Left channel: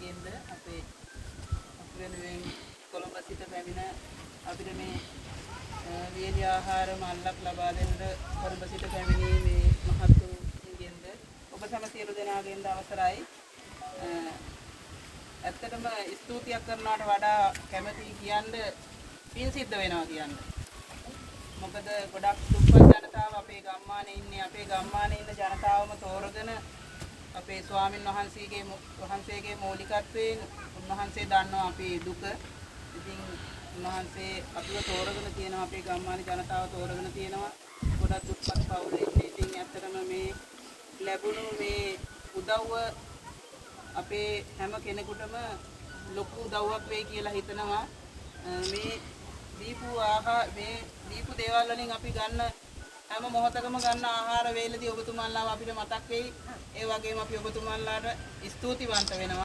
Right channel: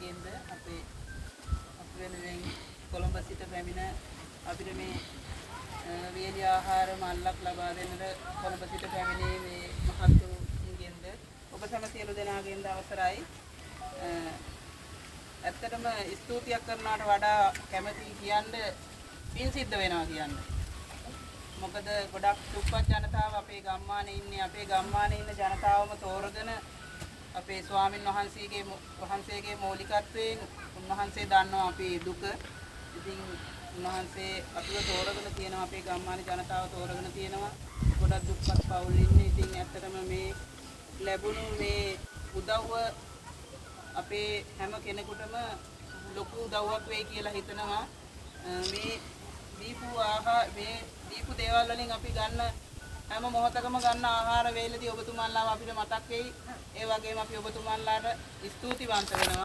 ගෙන්ද අපේ වෙනුවෙන් කොළඹ සිට පැමිණ අපිට මේ වේලි ආහාර මල්ලක් ලබා දෙන්නට කොළඹ සිට පැමිණි මේ මහත්තුරුගෙන්ද ඔබ සම සියලු දෙනාගෙන්ද අවසරයි. ඇත්තටම ස්තුතියක් කරනවට වඩා කැමැති කියන්නේ පින් සිද්ධ වෙනවා කියන්නේ. මොකද ගොඩක් දුප්පත් ජනතාව අපේ ගම්මානේ ඉන්නේ. අපේ ගම්මානේ ඉන්න ජනතාවම තෝරගෙන අපේ ස්වාමින් වහන්සේගේ මූලිකත්වයෙන් උන්වහන්සේ දන්නවා අපේ දුක. ඉතින් උන්වහන්සේ අපිව තෝරගෙන තියෙනවා, අපේ ගම්මානේ ජනතාව තෝරගෙන තියෙනවා. ගොඩක් දුප්පත් පවුල් ඉන්නේ. ඉතින් ඇත්තටම මේ ලැබුණු මේ උදව්ව අපේ හැම කෙනෙකුටම ලොකු උදව්වක් වෙයි කියලා හිතනවා. මේ දීපු දේවල් වලින් අපි ගන්න හැම මොහොතකම ගන්න ආහාර වේලදී ඔබතුමන්ලාව අපිට මතක් වෙයි. ඒ වගේම අපි ඔබතුමන්ලාට ස්තුතිවන්ත වෙනවා.